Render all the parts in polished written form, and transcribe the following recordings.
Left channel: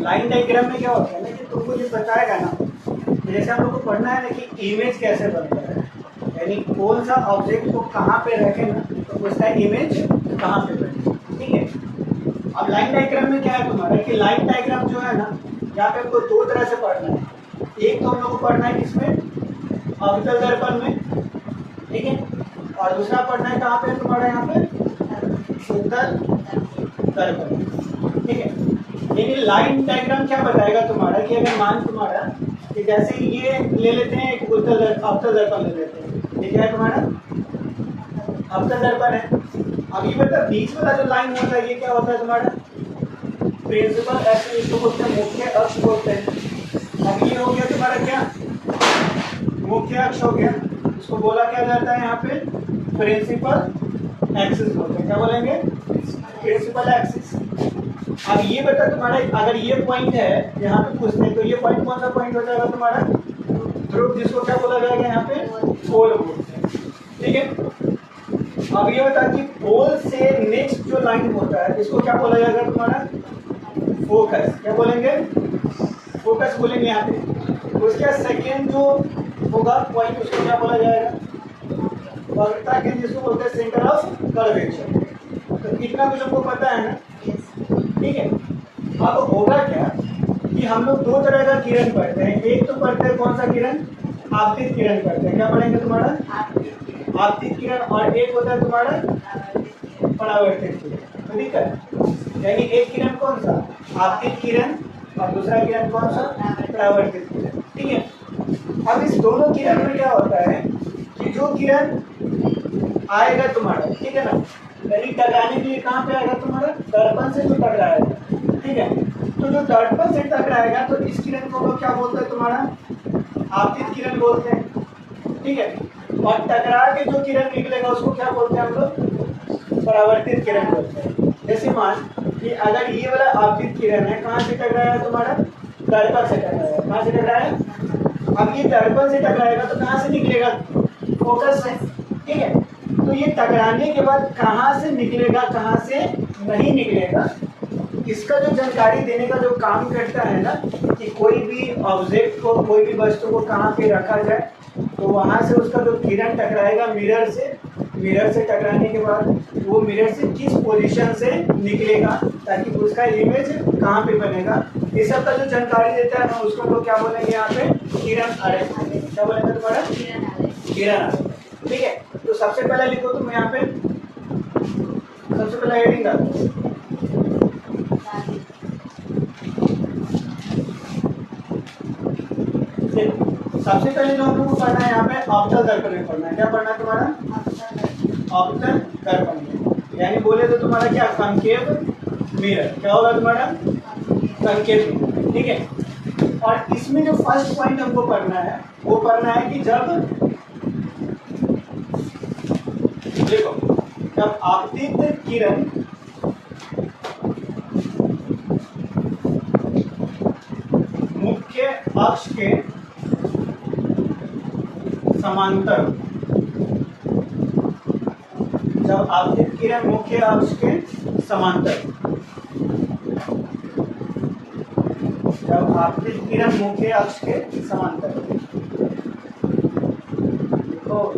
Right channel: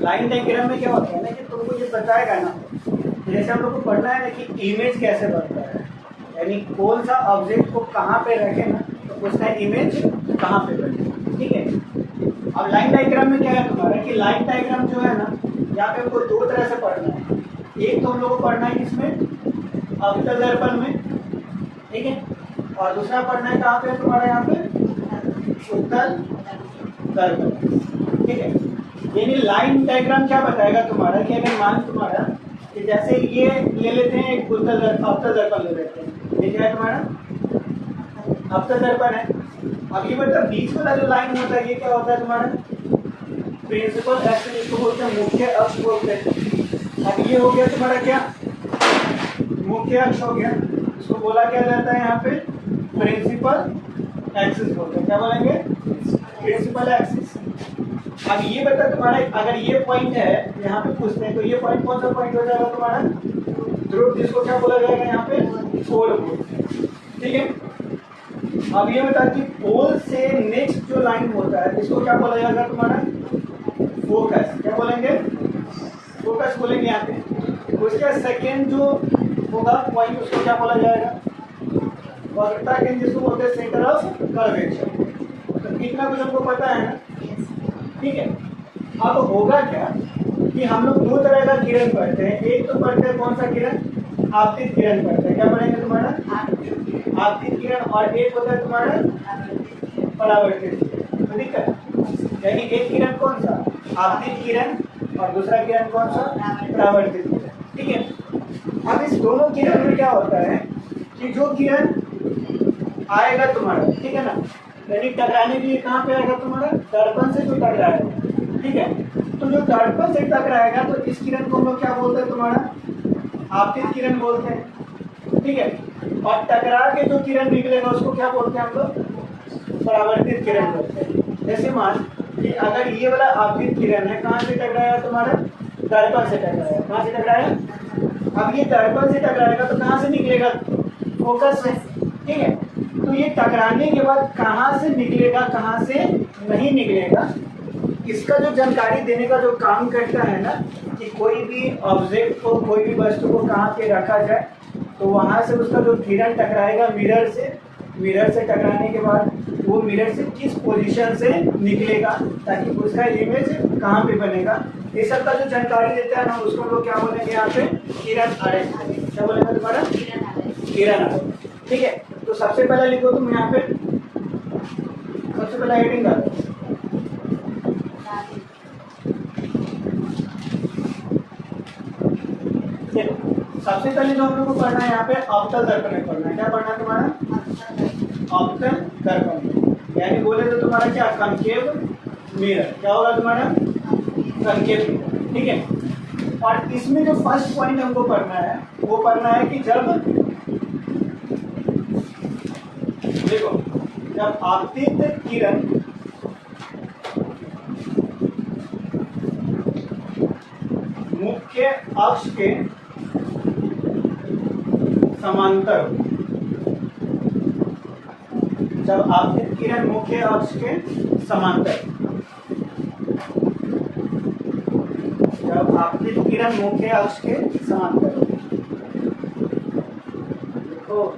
Line diagram में क्या होता है ना कि तुमको ये बताएगा ना, जैसे हम लोग को पढ़ना है ना कि इमेज कैसे बनता है, यानी कौन सा ऑब्जेक्ट को कहाँ पे रखे ना तो उसका इमेज कहाँ पे बने। ठीक है, अब लाइन डायग्राम में क्या है तुम्हारा कि लाइन डायग्राम जो है ना यहाँ पे हमको दो तरह से पढ़ना है। एक तो हम लोग को पढ़ना है किसमें, अवतल दर्पण में, ठीक है, और दूसरा पढ़ना है कहाँ पे तुम्हारा, यहाँ पे उत्तल दर्पण, ठीक है। यानी लाइन डायग्राम क्या बताएगा तुम्हारा कि अगर मान तुम्हारा कि जैसे ये ले लेते हैं एक अवतल दर्पण ले लेते हैं, ये क्या है तुम्हारा अवतल दर्पण है। अब ये मतलब बीच वाला जो लाइन होता है ये क्या होता है तुम्हारा प्रिंसिपल एक्सिस, इसको बोलते हैं मुख्य अक्ष बोलते हैं। अब ये हो गया तुम्हारा क्या मुख्य अक्ष हो गया, इसको बोला क्या जाता है यहाँ पे प्रिंसिपल एक्सिस बोलते हैं। क्या बोलेंगे प्रिंसिपल एक्सिस। अब ये बता तुम्हारा अगर ये पॉइंट है यहाँ पे पूछते हैं तो ये पॉइंट कौन सा पॉइंट हो जाएगा तुम्हारा ध्रुव, जिसको क्या बोला जाएगा यहाँ पे पोल बोलते हैं। ठीक है, अब ये बता कि पोल से नेक्स्ट जो लाइन होता है इसको क्या बोला जाएगा तुम्हारा फोकस। क्या बोलेंगे फोकस बोलेंगे यहाँ पे। उसका सेकेंड जो होगा पॉइंट उसको क्या बोला जाएगा वक्रता के, जिसको बोलते हैं सेंटर ऑफ कर्वेचर। तो इतना तो सबको पता है ना, ठीक है। अब होगा क्या कि हम लोग दो तरह का किरण पढ़ते हैं, एक तो पढ़ते हैं कौन सा किरण आपतित किरण पढ़ते हैं। क्या पढ़ेंगे तुम्हारा आपतित किरण, और एक होता है तुम्हारा परावर्तित किरण। तो दिक्कत यानी एक किरण कौन सा आपतित किरण और दूसरा किरण कौन सा परावर्तित किरण। ठीक है, अब इस दोनों किरण में क्या होता है कि जो किरण आएगा तुम्हारा, ठीक है ना, यानी टकराने के लिए कहाँ पे आएगा तुम्हारा दर्पण से जो टकराएगा। ठीक है, तो जो दर्पण से टकराएगा तो इस किरण को हम लोग क्या बोलते हैं तुम्हारा आपतित किरण बोलते हैं। ठीक है, और टकरा के जो किरण निकलेगा उसको क्या बोलते हैं हम लोग परावर्तित किरण बोलते हैं। जैसे मान कि अगर ये वाला आपतित किरण है कहाँ से टकराया तुम्हारा दर्पण से टकराया, कहाँ से टकराया। अब ये दर्पण से टकराएगा तो कहाँ से निकलेगा फोकस से। ठीक है, तो ये टकराने के बाद कहाँ से निकलेगा कहाँ से नहीं निकलेगा, इसका जो जानकारी देने का जो काम करता है ना कि कोई भी ऑब्जेक्ट को कोई भी वस्तु को कहाँ पे रखा जाए, तो वहाँ से उसका जो किरण टकराएगा मिरर से टकराने के बाद वो मिरर से किस पोजीशन से निकलेगा ताकि उसका इमेज कहाँ पे बनेगा, इस सब का जो जानकारी देता है ना उसको लोग क्या बोलेंगे यहाँ पे किरण आरेख। क्या बोलेंगे तुम्हारा किरण आरेख। ठीक है, तो सबसे पहले लिखो तुम यहाँ पे, सबसे पहले हेडिंग डालो सबसे पहले जो हम लोग को पढ़ना है यहाँ पे अवतल दर्पण में पढ़ना है। क्या पढ़ना है तुम्हारा अवतल दर्पण, यानी बोले तो तुम्हारा क्या कंकेव मिरर। क्या होगा तुम्हारा कंकेव मिरर। ठीक है, और इसमें जो फर्स्ट पॉइंट हमको पढ़ना है वो पढ़ना है कि जब देखो जब आपतित किरण मुख्य अक्ष के समांतर, जब आपतित किरण मुख्य अक्ष के समांतर, जब आपतित किरण मुख्य अक्ष के समांतर तो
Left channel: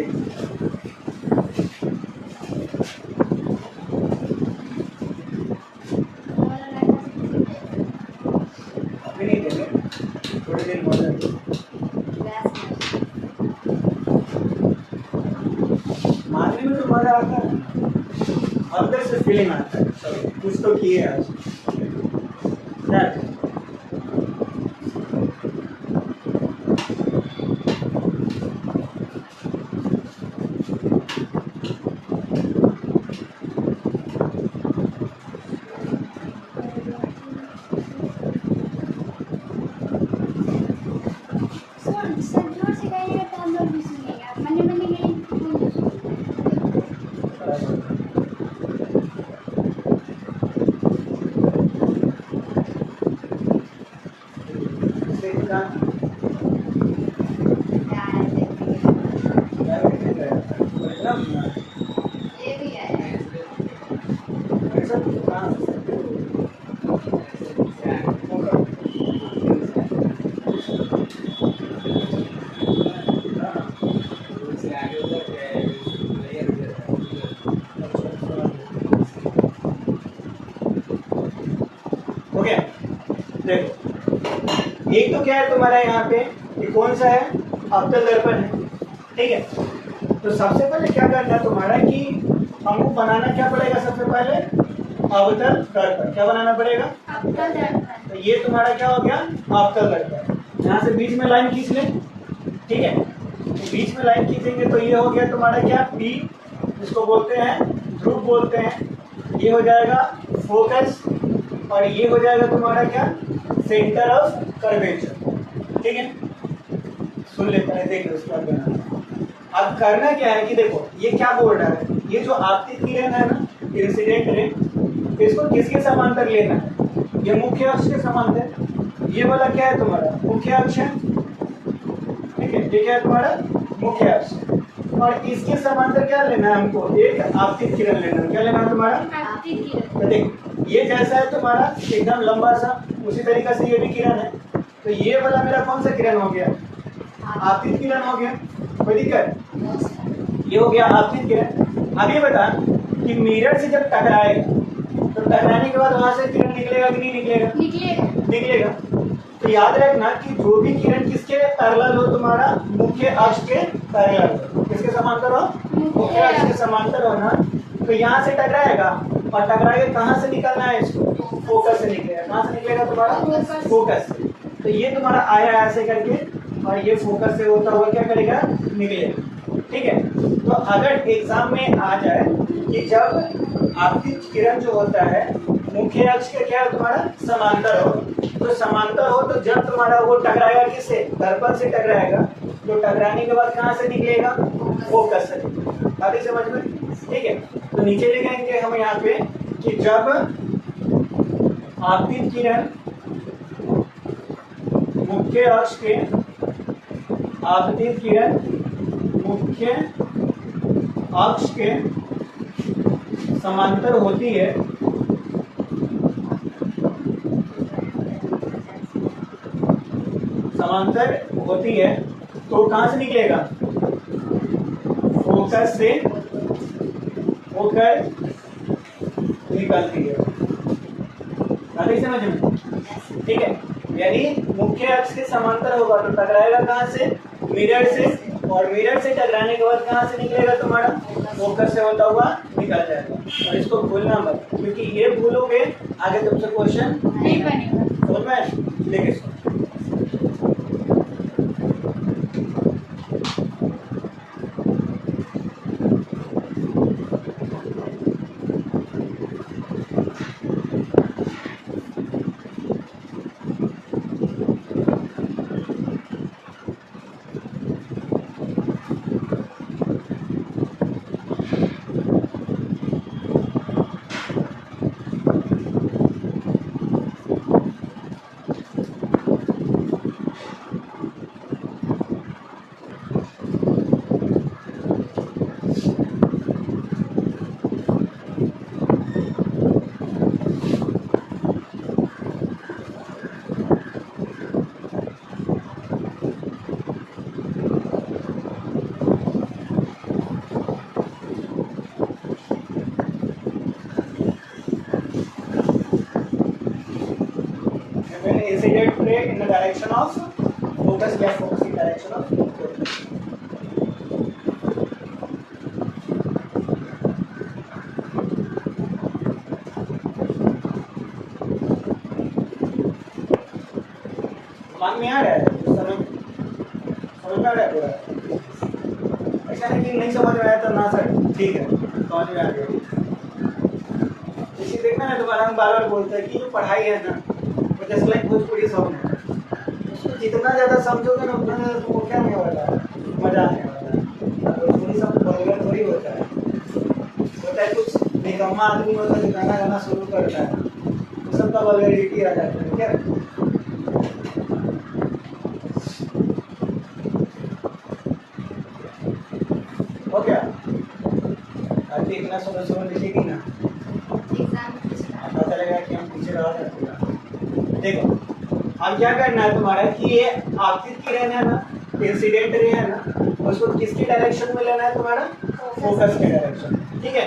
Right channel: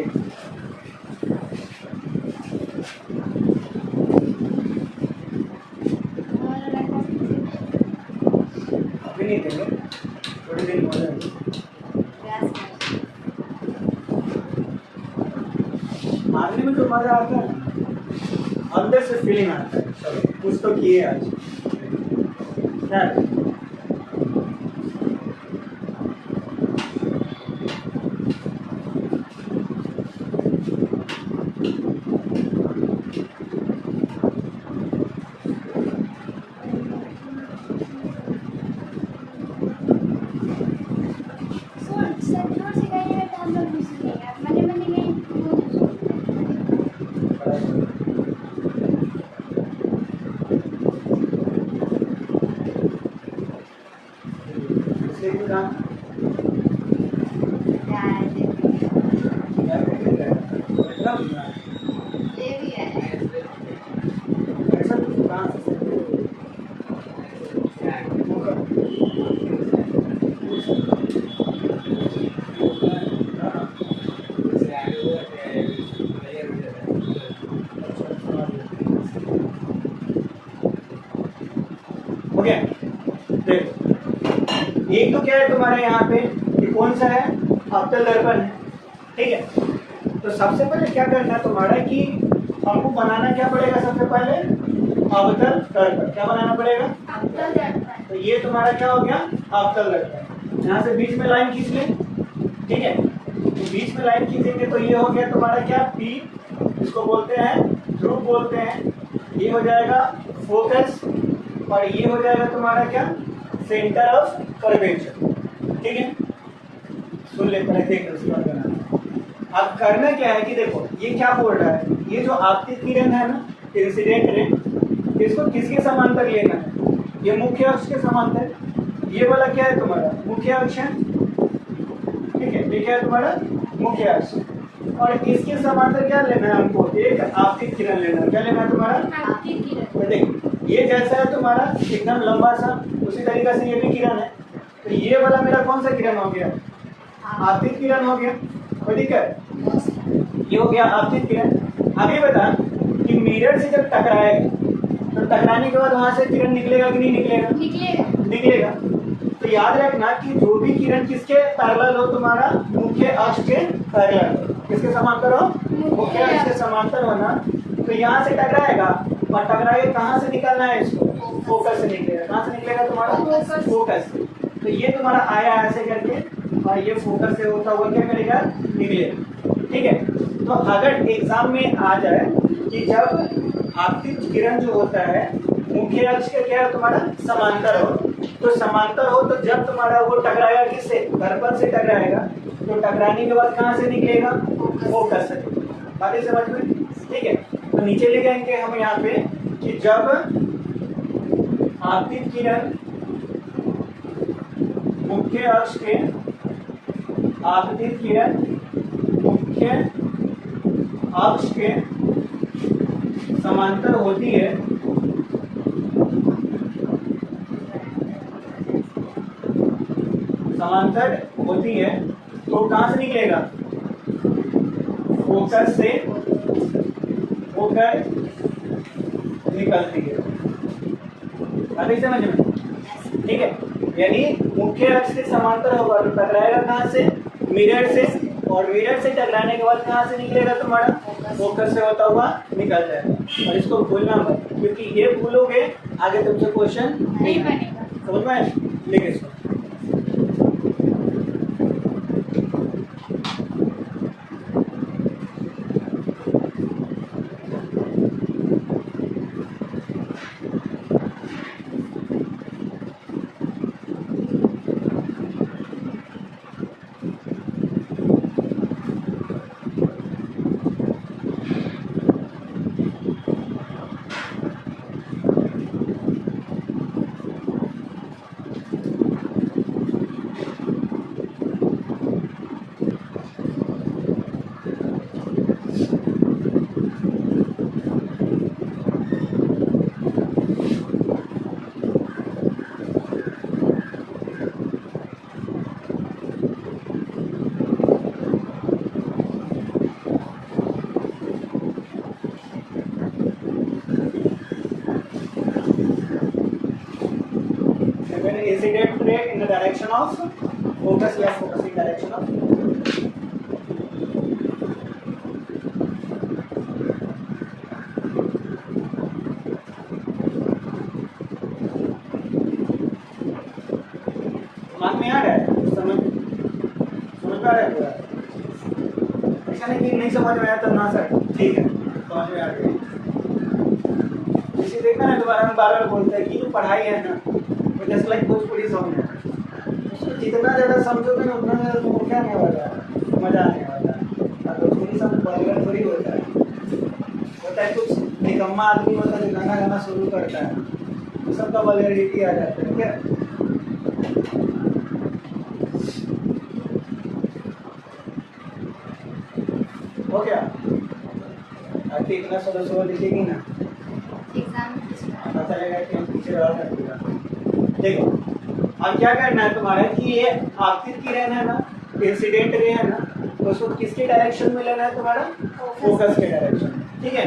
देख अभी नहीं देंगे, थोड़ी देर बोल रहे आने में तो मजा आता है, अंदर से फीलिंग आता है चलो कुछ तो किए आज। ओके देखो, एक तो क्या है तुम्हारा यहाँ पे, ये कौन सा है, अवतल दर्पण है, ठीक है। तो सबसे पहले क्या करना है तुम्हारा कि हमको बनाना क्या पड़ेगा, सबसे पहले अवतल दर्पण। क्या बनाना पड़ेगा, अवतल दर्पण। तो ये तुम्हारा क्या हो गया, अवतल दर्पण। यहाँ से बीच में लाइन खींच ले, ठीक है। तो बीच में लाइन खींचेंगे तो ये हो गया तुम्हारा क्या, पी, इसको बोलते हैं ध्रुव बोलते हैं। ये हो जाएगा फोकस और ये हो जाएगा तुम्हारा क्या, सेंटर ऑफ कर्वेचर, ठीक है। सुन लेते हैं, देख लो उसके बाद बनाना। अब करना क्या है कि देखो ये क्या बोल रहा है, ये जो आपतित किरण है ना, इंसिडेंट रे, इसको किसके समांतर लेना है, ये मुख्य अक्ष के समांतर। ये वाला क्या है तुम्हारा मुख्य अक्ष है, ठीक है। ये क्या है तुम्हारा मुख्य अक्ष, और इसके समांतर क्या लेना है हमको, एक आपतित किरण लेना है। क्या लेना है तुम्हारा, आपतित किरण। तो देख ये जैसा है तुम्हारा एकदम लंबा सा, उसी तरीके से ये भी किरण है। तो ये वाला मेरा कौन सा किरण हो गया, आपतित किरण हो गया, कोई दिक्कत, ये हो गया आपतित किरण। अब ये बता कि मिरर से जब टकराएगा तो टकराने के बाद वहां से किरण निकलेगा कि नहीं निकलेगा, निकलेगा। निकलेगा। तो याद रखना कि जो भी किरण किसके पैरेलल हो, तुम्हारा मुख्य अक्ष के पैरेलल हो, किसके समांतर हो, मुख्य अक्ष के समांतर हो ना। तो यहाँ से टकराएगा और टकराएगा, कहाँ से निकलना है इसको, फोकस से निकलेगा। कहाँ से निकलेगा तुम्हारा, फोकस से। तो ये तुम्हारा आया ऐसे करके और ये फोकस से होता हुआ क्या करेगा, निकलेगा, ठीक है। तो अगर एग्जाम में आ जाए कि जब आपतित किरण जो होता है मुख्य अक्ष के क्या है तुम्हारा समांतर हो, तो समांतर हो तो जब तुम्हारा वो टकराएगा किससे, दर्पण से टकराएगा, तो टकराने के बाद कहाँ से निकलेगा, फोकस से। बातें समझ में, ठीक है। तो नीचे लिखेंगे हम यहाँ पे कि जब आपतित किरण मुख्य अक्ष के, आपतित किरण मुख्य अक्ष के समांतर होती है, समांतर होती है, तो कहां से निकलेगा, फोकस से होकर निकलती है। अभी समझ में, ठीक है। यानी मुख्य अक्ष के समांतर होगा तो टकराएगा कहां से, मिरर से, और मिरर से टकराने के बाद कहां से निकलेगा तुम्हारा, फोकस से होता हुआ निकल जाएगा। और इसको भूलना मत, क्योंकि ये भूलोगे आगे तुमसे क्वेश्चन नहीं बनेगा। समझ में, लेके incident ray in the direction of focus या focusing direction of मान में आ रहा है समझ में आ रहा है पूरा ऐसा नहीं समझ में आया तो ना सर ठीक है समझ में आ गया इसी देखना है दोबारा हम बार बार बोलते हैं कि जो पढ़ाई है ना वो जस्ट लाइक भोजपुरी सॉन्ग है जितना ज़्यादा समझोगे ना उतना ज़्यादा तुमको क्या नहीं वाला मज़ा आने वाला भोजपुरी सॉन्ग बॉलीवुड थोड़ी होता है कुछ निकम्मा आदमी होता है जो गाना गाना शुरू करता है सबका वल्गैरिटी आ जाता है क्या हो गया आरती इतना सोलह सोलह लिखेगी ना पता चलेगा कि हम पीछे रहा सकते देखो अब क्या करना है तुम्हारा कि ये आपतित किरण है ना इंसिडेंट रे है ना उसको किसके डायरेक्शन में लेना है तुम्हारा फोकस के डायरेक्शन ठीक है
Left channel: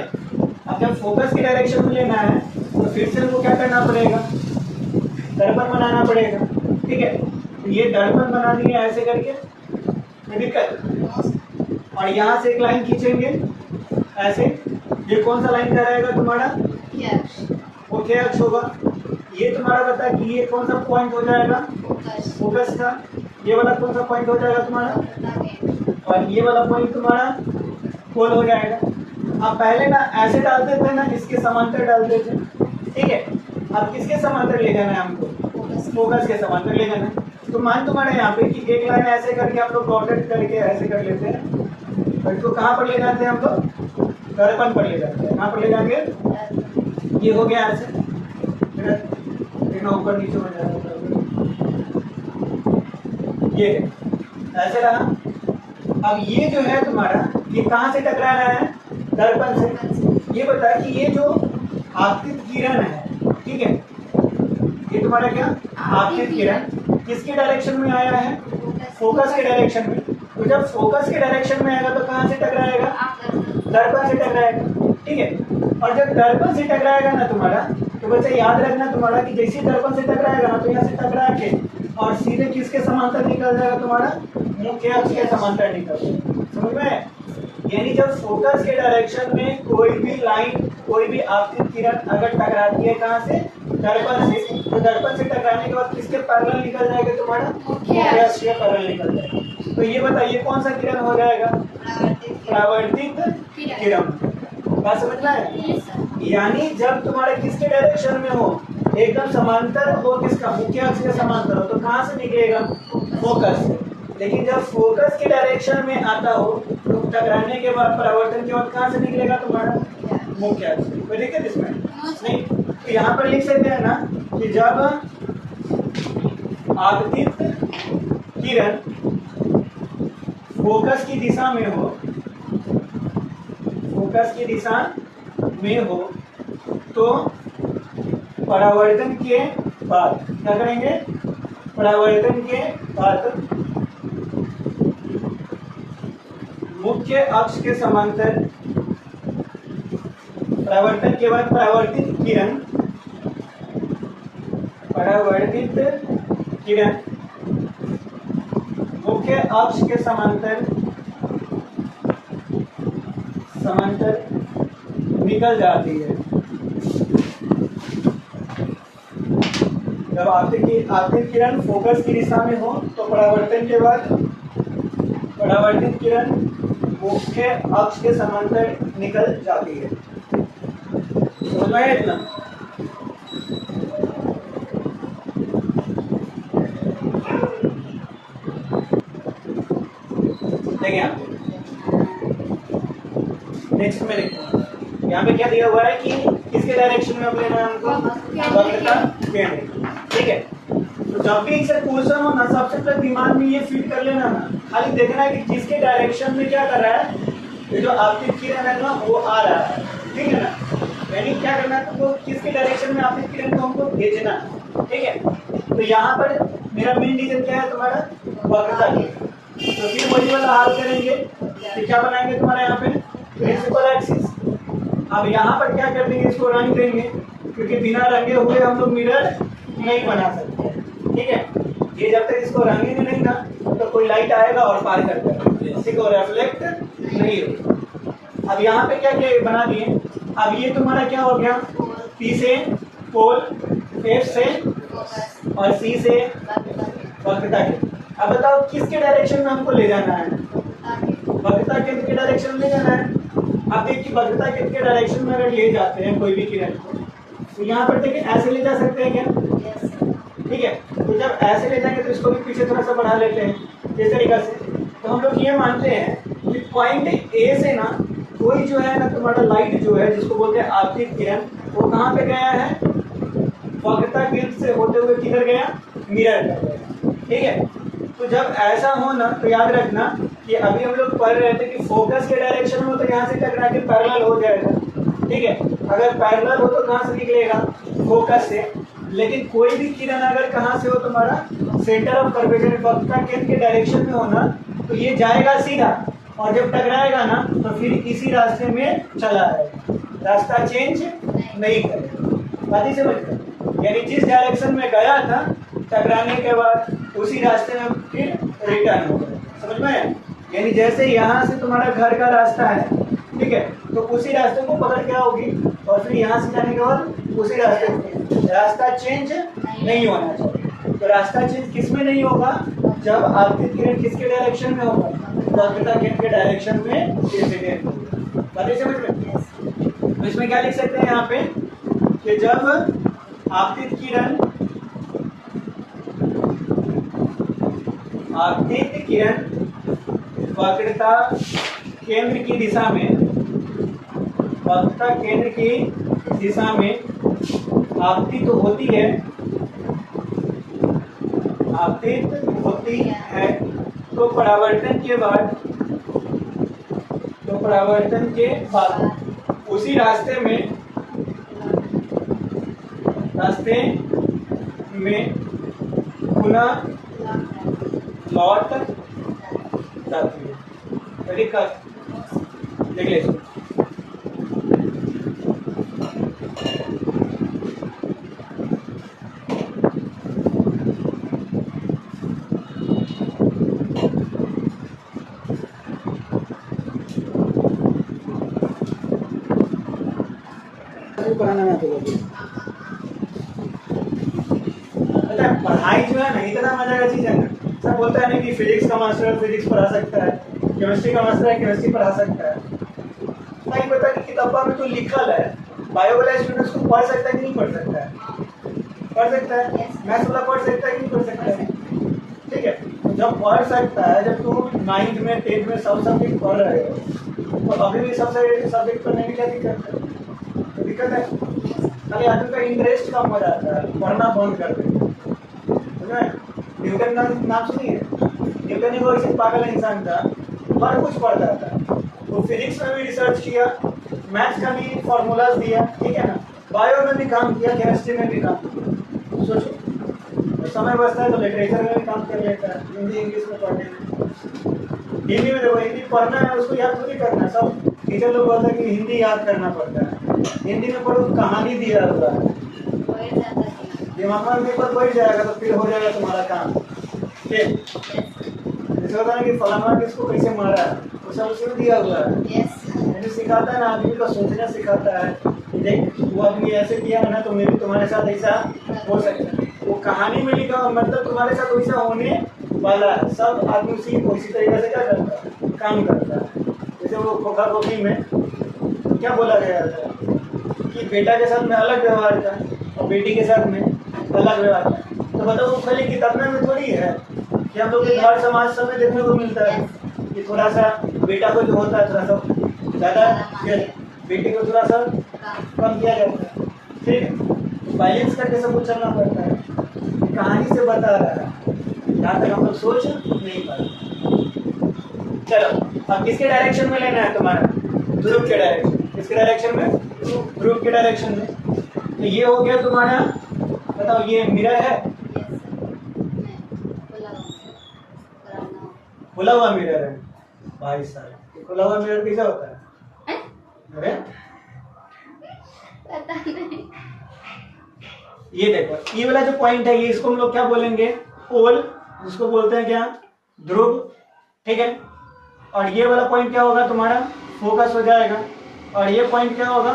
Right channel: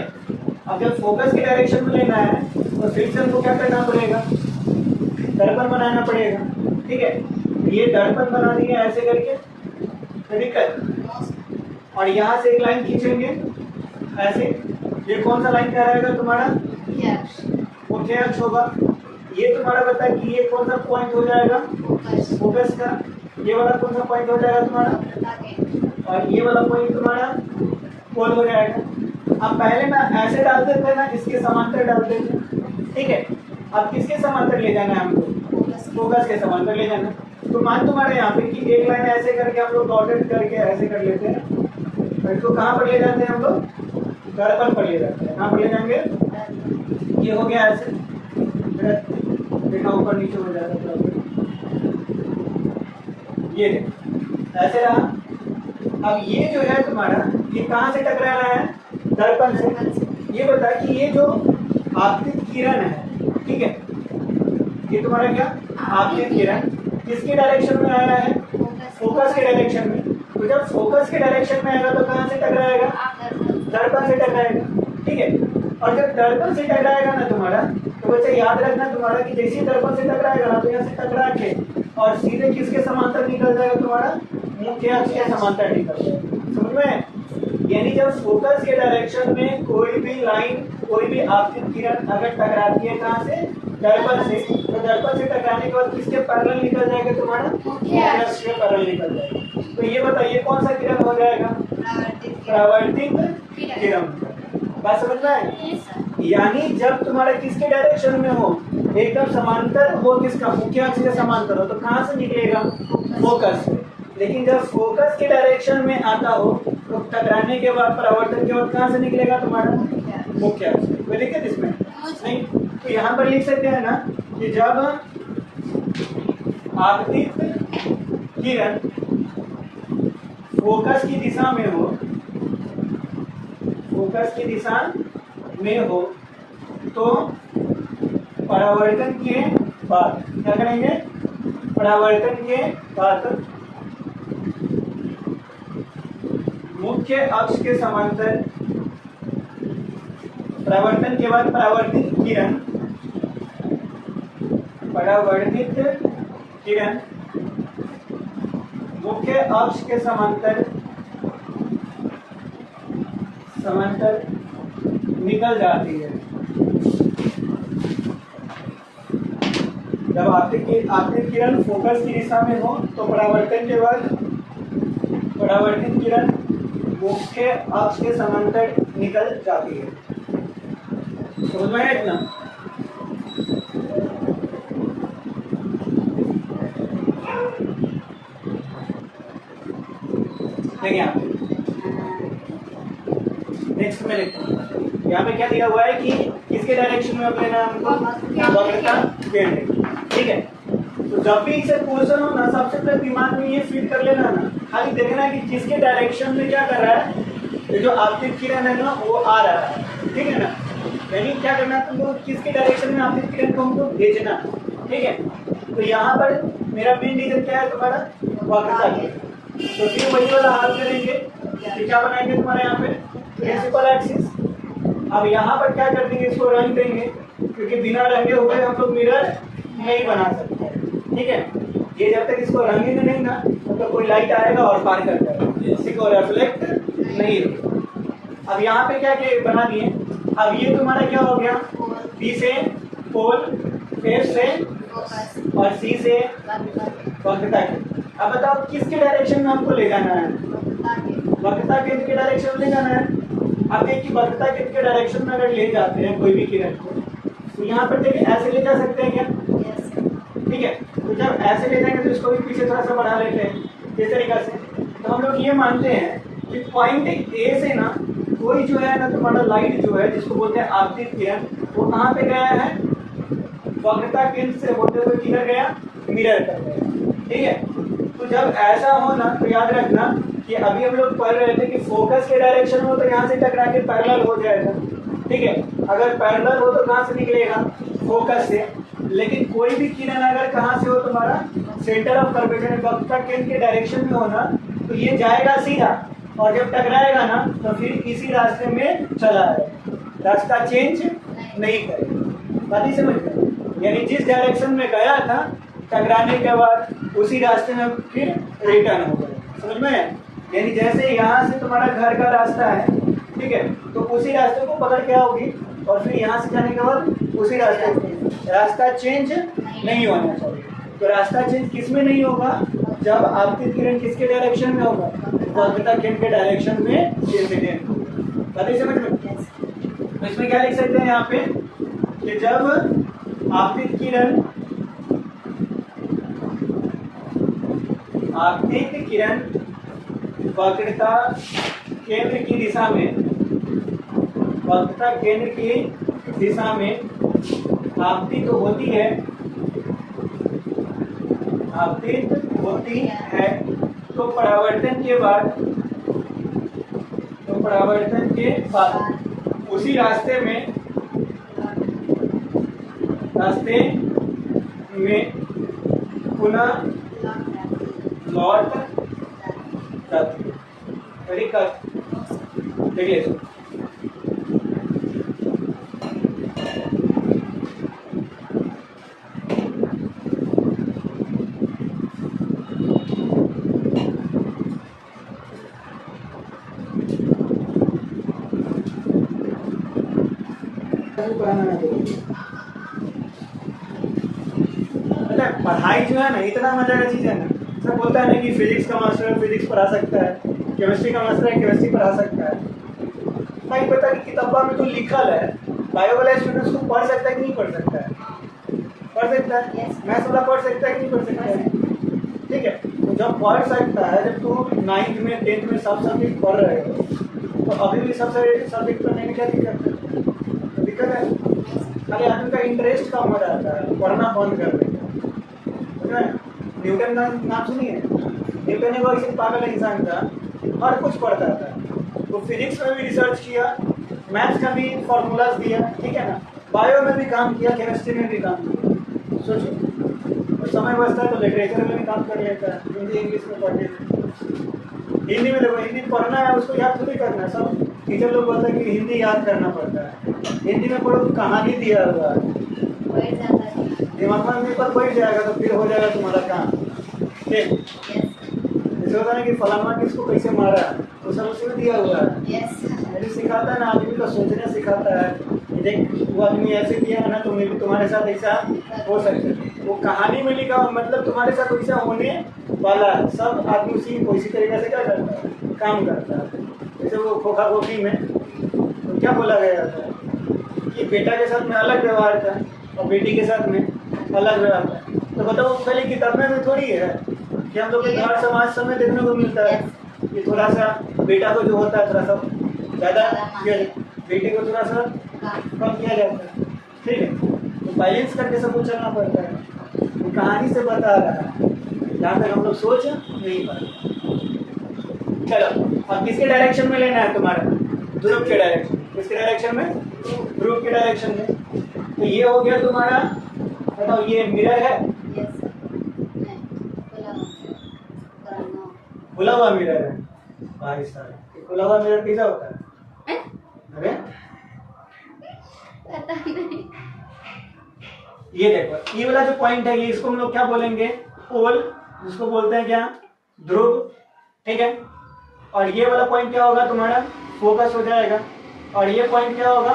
अब जब फोकस के डायरेक्शन में लेना है तो फिर से हमको क्या करना पड़ेगा दर्पण बनाना पड़ेगा ठीक है ये दर्पण बना दिए ऐसे करके दिक्कत और यहाँ से एक लाइन खींचेंगे ऐसे ये कौन सा लाइन का रहेगा तुम्हारा मुख्य अक्ष होगा ये तुम्हारा बता कि ये कौन सा पॉइंट हो जाएगा फोकस का ये वाला कौन सा पॉइंट हो जाएगा तुम्हारा और ये वाला पॉइंट तुम्हारा पोल हो जाएगा अब पहले ना ऐसे डालते थे ना इसके समांतर डालते थे ठीक है अब किसके समांतर ले जाना है हमको फोकस के समांतर ले जाना है तो मान तुम्हारे यहाँ पे कि एक लाइन ऐसे करके हम लोग डॉटेड करके ऐसे कर लेते हैं तो इसको कहाँ पर ले जाते हैं हम लोग दर्पण पर ले जाते हैं कहाँ पर ले जाएंगे ये हो गया ऐसे देखना ऊपर नीचे हो जाता है ये ऐसे रहा अब ये जो है तुम्हारा ये कहाँ से टकरा रहा है दर्पण से ये बता कि ये जो आपतित किरण है ठीक है ये तुम्हारा क्या आपतित किरण किसके डायरेक्शन में आया है फोकस के डायरेक्शन में तो जब फोकस के डायरेक्शन में आएगा तो कहाँ से टकराएगा दर्पण से टकराएगा ठीक है और जब दर्पण से टकराएगा ना तुम्हारा तो बच्चे याद रखना तुम्हारा कि जैसे ही दर्पण से टकराएगा ना तो यहाँ से टकरा के और सीधे किसके समांतर निकल जाएगा तुम्हारा मुख्य अक्ष के समांतर निकल जाएगा समझ में यानी जब फोकस के डायरेक्शन में कोई भी लाइन कोई भी आपतित किरण अगर टकराती है कहाँ से दर्पण से तो दर्पण से टकराने के बाद किसके पैरेलल निकल जाएगा तुम्हारा मुख्य अक्ष के पैरेलल निकल जाएगा तो ये बताइए कौन सा किरण हो जाएगा परावर्तित किरण बात समझ में आए यानी जब तुम्हारे किसके डायरेक्शन में हो एकदम समांतर हो किसका मुख्य अक्ष के समांतर हो तो कहाँ से निकलेगा फोकस से लेकिन जब फोकस के डायरेक्शन में आता हो तो टकराने के बाद परावर्तन के बाद कहाँ से निकलेगा तुम्हारा मुख्य अक्ष कोई दिक्कत इसमें नहीं तो यहाँ पर लिख सकते हैं ना कि जब आपतित किरण फोकस की दिशा में हो फोकस की दिशा में हो तो परावर्तन के बाद क्या करेंगे परावर्तन के बाद मुख्य अक्ष के समांतर परावर्तन के बाद परावर्तित किरण मुख्य अक्ष के समांतर निकल जाती है जब आपतित किरण फोकस की दिशा में हो तो परावर्तन के बाद परावर्तित किरण मुख्य अक्ष के समांतर निकल जाती है समझ में आया इतना देखिए यहाँ नेक्स्ट में लिखते हैं यहाँ पे क्या दिया हुआ है कि किसके डायरेक्शन में लेना है हमको वक्रता केंद्र ठीक है तो जब भी इसे क्वेश्चन हो ना सबसे पहले दिमाग में ये फीड कर लेना ना खाली देखना है कि जिसके डायरेक्शन में क्या कर रहा है ये जो आपतित किरण है ना वो आ रहा है ठीक है ना यानी क्या करना है तुमको किसके डायरेक्शन में आपतित किरण को हमको भेजना ठीक है तो यहाँ पर मेरा मेन रीजन क्या है तुम्हारा वक्रता के तो फिर वही वाला हाल करेंगे तो क्या बनाएंगे तुम्हारे यहाँ पे प्रिंसिपल एक्सिस अब यहाँ पर क्या कर देंगे इसको रंग देंगे क्योंकि बिना रंगे हुए हम लोग मिरर नहीं बना सकते ठीक है। ये जब तक इसको रंगेंगे नहीं ना तो कोई लाइट आएगा और पार कर जाएगा, किसी को रिफ्लेक्ट नहीं होगा। अब यहाँ पे क्या क्या बना दिए, अब ये तुम्हारा क्या हो गया, पी से पोल, एफ से और सी से वक्रता केंद्र। अब बताओ किसके डायरेक्शन में हमको ले जाना है, वक्रता केंद्र के डायरेक्शन में ले जाना है। अब देखिए वक्रता केंद्र के डायरेक्शन में अगर ले जाते हैं कोई भी किरण को तो यहाँ पर देखिए ऐसे ले जा सकते हैं क्या, ठीक है। तो जब ऐसे ले जाएंगे तो इसको भी पीछे थोड़ा सा बढ़ा लेते हैं इस तरीका से। तो हम लोग ये मानते हैं कि पॉइंट ए से ना कोई जो है ना तुम्हारा लाइट जो है जिसको बोलते हैं आपतित किरण, वो कहाँ पे गया है, वक्रता केंद्र से होते हुए किधर गया, मिरर कर गया, ठीक है। तो जब ऐसा हो ना तो याद रखना कि अभी हम लोग पढ़ रहे थे कि फोकस के डायरेक्शन में तो यहाँ से टकरा के पैरेलल हो जाएगा, ठीक है। अगर पैरेलल हो तो कहाँ से निकलेगा, फोकस से। लेकिन कोई भी किरण अगर कहाँ से हो तुम्हारा सेंटर ऑफ कर्वेचर वक्रता केंद्र के डायरेक्शन में हो ना तो ये जाएगा सीधा और जब टकराएगा ना तो फिर इसी रास्ते में चला आएगा, रास्ता चेंज नहीं करेगा। बात ही समझ गए, यानी जिस डायरेक्शन में गया था टकराने के बाद उसी रास्ते में फिर रिटर्न हो गया, समझ में। यानी जैसे यहाँ से तुम्हारा घर का रास्ता है, ठीक है, तो उसी रास्ते को पकड़ के आओगी और फिर यहाँ से जाने के बाद उसी रास्ते को, रास्ता चेंज नहीं होना चाहिए। तो रास्ता चेंज किस में नहीं होगा, जब आपतित किरण किसके डायरेक्शन में होगा, वक्रता केंद्र के डायरेक्शन में इंसिडेंट होगा। बात ही समझ में। तो इसमें क्या लिख सकते हैं यहाँ पे कि जब आपतित किरण वक्रता केंद्र की दिशा में, वक्रता केंद्र की दिशा में आपतित होती है, आपतित होती है तो परावर्तन के बाद उसी रास्ते में पुनः लौट जाती है। तरीका देख ले पढ़ाई जो है ना इतना मजा का चीज है ना, सब बोलता है ना कि फिजिक्स का मास्टर है फिजिक्स पढ़ा सकता है, केमिस्ट्री का मास्टर है केमिस्ट्री पढ़ा सकता है। नहीं पता कि किताबा में तो लिखल है, बायो वाला स्टूडेंट्स को पढ़ सकता है कि नहीं पढ़ सकता है, पढ़ सकता है, मैथ्स वाला पढ़ सकता है कि नहीं पढ़ सकता है, ठीक है। तो जब पढ़ सकता है, जब तुम 9th में 10th में सब सब्जेक्ट पढ़ रहे हो तो अभी भी सब सब्जेक्ट पढ़ने में क्या दिक्कत है, तो दिक्कत है। खाली आदमी का इंटरेस्ट कम हो जाता है, पढ़ना बंद कर देते। न्यूटन का नाम सुनिए, न्यूटन एक ऐसे पागल इंसान था, हर कुछ पढ़ता था। वो फिजिक्स में भी रिसर्च किया, मैथ्स का भी फॉर्मूलाज दिया, ठीक है ना, बायो में भी काम किया, केमिस्ट्री में भी काम किया। सोचिए तो समय बचता है तो लिटरेचर में भी काम कर लेता है, हिंदी इंग्लिश में पढ़ लेते। हिंदी में देखो, हिंदी पढ़ना है उसको याद थोड़ी करना है, सब टीचर लोग बोलते हैं कि हिंदी याद करना पड़ता है। हिंदी में पढ़ो तो कहानी दिया हुआ है, दिमाग में पेपर बैठ जाएगा तो फिर हो जाएगा तुम्हारा काम, ठीक। जैसे होता है कि फलाना किसको कैसे मारा वो सब उसमें दिया हुआ है, यानी सिखाता है ना, आदमी को सोचना सिखाता है कि देख वो आदमी ऐसे किया है ना तो मेरी तुम्हारे साथ ऐसा हो सकता है। वो कहानी में लिखा हो मतलब तुम्हारे साथ वैसा होने वाला है। सब आदमी उसी तरीके से क्या करता है, काम करता है। जैसे वो खोखा खोखी में तो क्या बोला गया था कि बेटा के साथ में अलग व्यवहार था और बेटी के साथ में अलग व्यवहार था। तो बताओ खाली किताब में थोड़ी है कि हम लोग के घर समाज समय देखने को मिलता है कि थोड़ा सा बेटा को जो होता है थोड़ा सा ज़्यादा, बेटी को थोड़ा सा कम किया जाता है, ठीक है। तो बैलेंस करके सब कुछ चलना पड़ता है। कहानी से बता रहा है, जहाँ तक हम लोग सोच नहीं पाते। चलो अब किसके डायरेक्शन में लेना है तुम्हारा, ध्रुव के डायरेक्शन। किसके डायरेक्शन में, ध्रुव के डायरेक्शन में। तो ये हो गया तुम्हारा, बताओ ये मिरर है, खुला हुआ मिरर है भाई साहब। खुला हुआ मिरर कैसा होता है, अरे पता नहीं। ये देखो ये वाला जो पॉइंट है ये इसको हम लोग क्या बोलेंगे, पोल, जिसको बोलते हैं क्या, ध्रुव, ठीक है। और ये वाला पॉइंट क्या होगा तुम्हारा, फोकस हो जाएगा। और ये पॉइंट क्या होगा,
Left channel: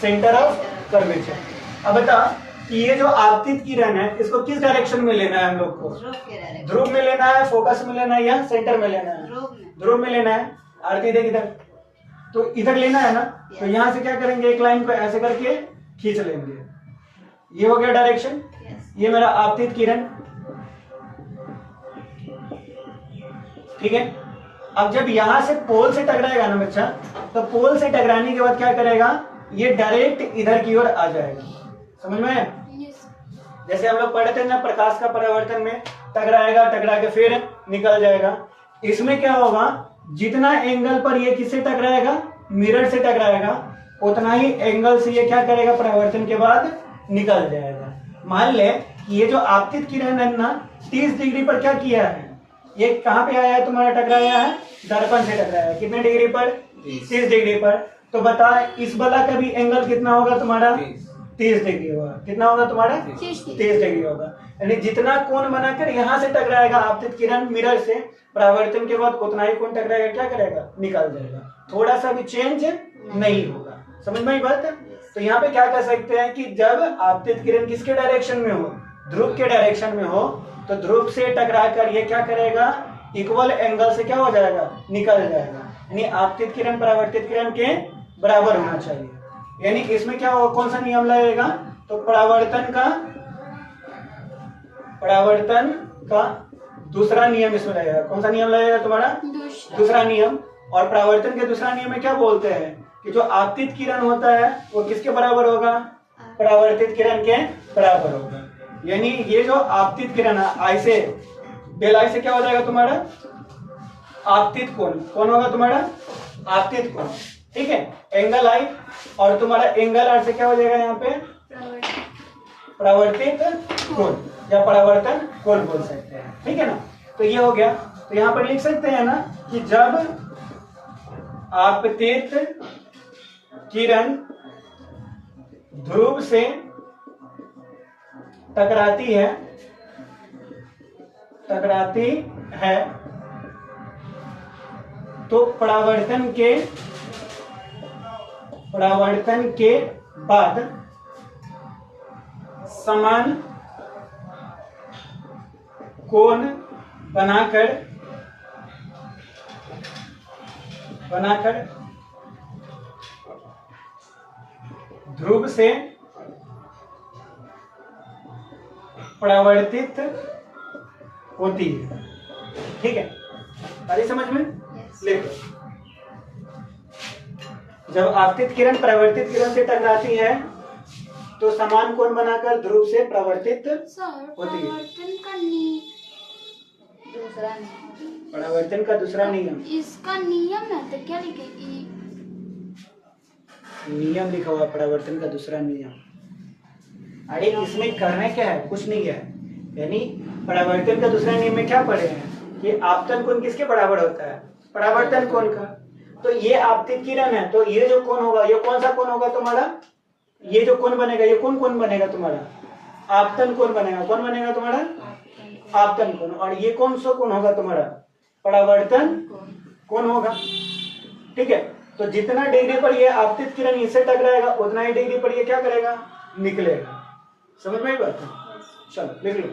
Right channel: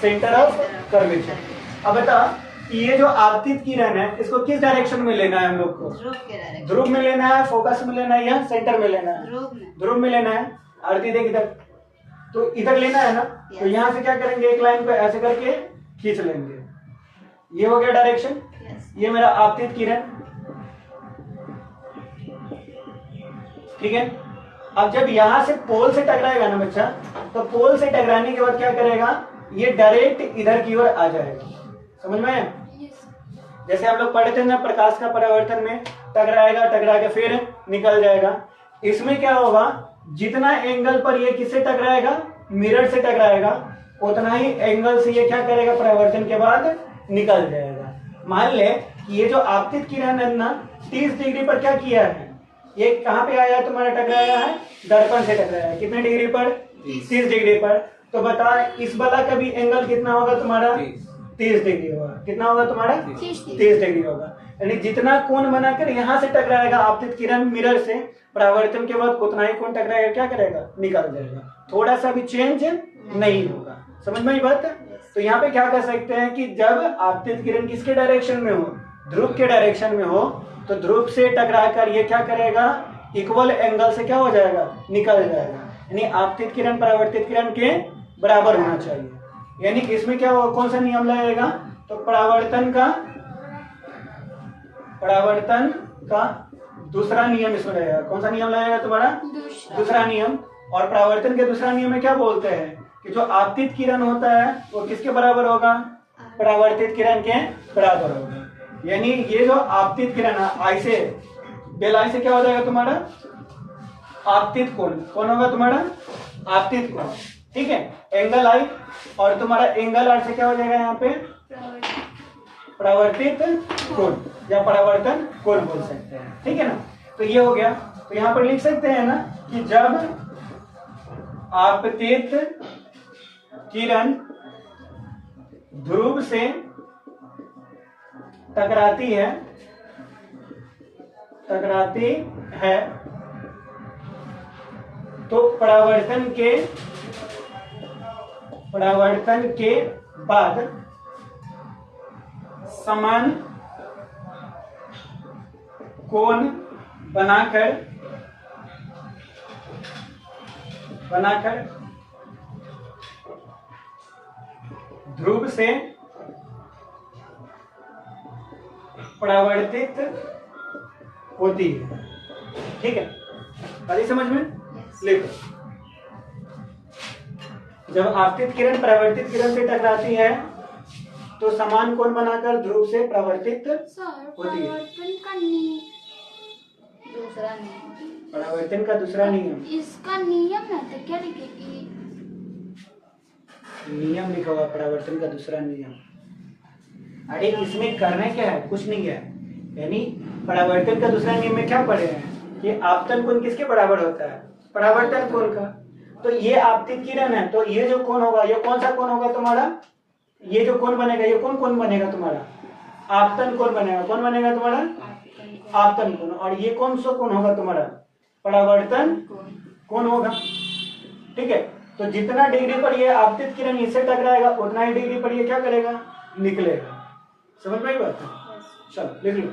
सेंटर ऑफ कर्वेचर। अब बता ये जो आपतित किरण है इसको किस डायरेक्शन में लेना है हम लोग को, ध्रुव में लेना है, फोकस में लेना है या सेंटर में लेना है, ध्रुव में लेना है। आरती देख इधर, तो इधर लेना है ना, तो यहाँ से क्या करेंगे, एक लाइन को ऐसे करके खींच लेंगे, ये हो गया डायरेक्शन। ये मेरा आपतित किरण, ठीक है। अब जब यहां से पोल से टकराएगा ना बच्चा, तो पोल से टकराने के बाद क्या करेगा, ये डायरेक्ट इधर की ओर आ जाएगा, समझ में आया? जैसे हम लोग पढ़े थे ना प्रकाश का परावर्तन में, टकराएगा, टकरा के फिर निकल जाएगा। इसमें क्या होगा, जितना एंगल पर ये किससे टकराएगा, मिरर से टकराएगा, उतना ही एंगल से ये क्या करेगा, परावर्तन के बाद निकल जाएगा। मान ले ये जो आपतित किरण है ना 30 डिग्री पर क्या किया है, ये कहाँ पे आया है तुम्हारा, टकराया है, दर्पण से टकराया है। कितने डिग्री पर, 30 डिग्री पर। तो बता इस बला का भी एंगल कितना होगा तुम्हारा, 30 डिग्री होगा। कितना होगा तुम्हारा, 30 डिग्री होगा। यानी जितना कोण बनाकर यहाँ से टकराएगा आपतित किरण मिरर से, परावर्तन के बाद उतना ही कोण टकराएगा, क्या करेगा, निकल जाएगा, थोड़ा सा भी चेंज नहीं होगा। समझ में आई बात है? तो यहाँ पे क्या कर सकते हैं कि जब आपतित किरण किसके डायरेक्शन में हो, ध्रुव के डायरेक्शन में हो, तो ध्रुव से टकराकर ये क्या करेगा, इक्वल एंगल से क्या हो जाएगा, निकल जाएगा। यानी आपतित किरण परावर्तित किरण के बराबर होना चाहिए। यानी इसमें क्या होगा, कौन सा नियम लगेगा, तो परावर्तन का दूसरा नियम इसमें लगेगा। कौन सा नियम लगेगा तुम्हारा, दूसरा नियम। और परावर्तन के दूसरा नियम में क्या बोलते हैं कि जो आपतित किरण होता है वो किसके बराबर होगा, परावर्तित किरण के बराबर होगा। यानी ये जो आपतित किरण है, आई से डेल आई से क्या हो जाएगा तुम्हारा, आपतित कोण, कौन होगा तुम्हारा, आपतित कोण, ठीक है। एंगल आई और तुम्हारा एंगल आर से क्या हो जाएगा यहाँ पे, परावर्तित कोण या परावर्तन कोण बोल सकते हैं, ठीक है ना। तो ये हो गया। तो यहाँ पर लिख सकते हैं ना कि जब आपतित किरण ध्रुव से टकराती है तो परावर्तन के बाद समान कोण बनाकर ध्रुव से परावर्तित होती है, ठीक है। अरे समझ में लिखो, जब आपतित किरण परावर्तित किरण से टकराती है तो समान कोण बनाकर ध्रुव से परावर्तित होती है। परावर्तन का दूसरा नियम, इसका नियम है तो क्या लिखेगी, नियम लिखा हुआ परावर्तन का दूसरा नियम। अरे इसमें करना क्या है, कुछ नहीं है। यानी परावर्तन का दूसरा नियम में क्या पढ़े हैं कि आपतन कोण किसके बराबर होता है, परावर्तन कोण का। तो ये आपतित किरण है, तो ये जो कोण होगा, ये कौन सा कोण होगा तुम्हारा, ये जो कोण बनेगा, ये कौन कोण बनेगा तुम्हारा, आपतन कोण बनेगा। कौन बनेगा तुम्हारा, आपतन कोण। और ये कौन सा कोण होगा तुम्हारा, परावर्तन कोण होगा, ठीक है। तो जितना डिग्री पर ये आपतित किरण इससे टकराएगा उतना ही डिग्री पर ये क्या करेगा, निकलेगा। समझ में आई बात है? चलो लिख लो।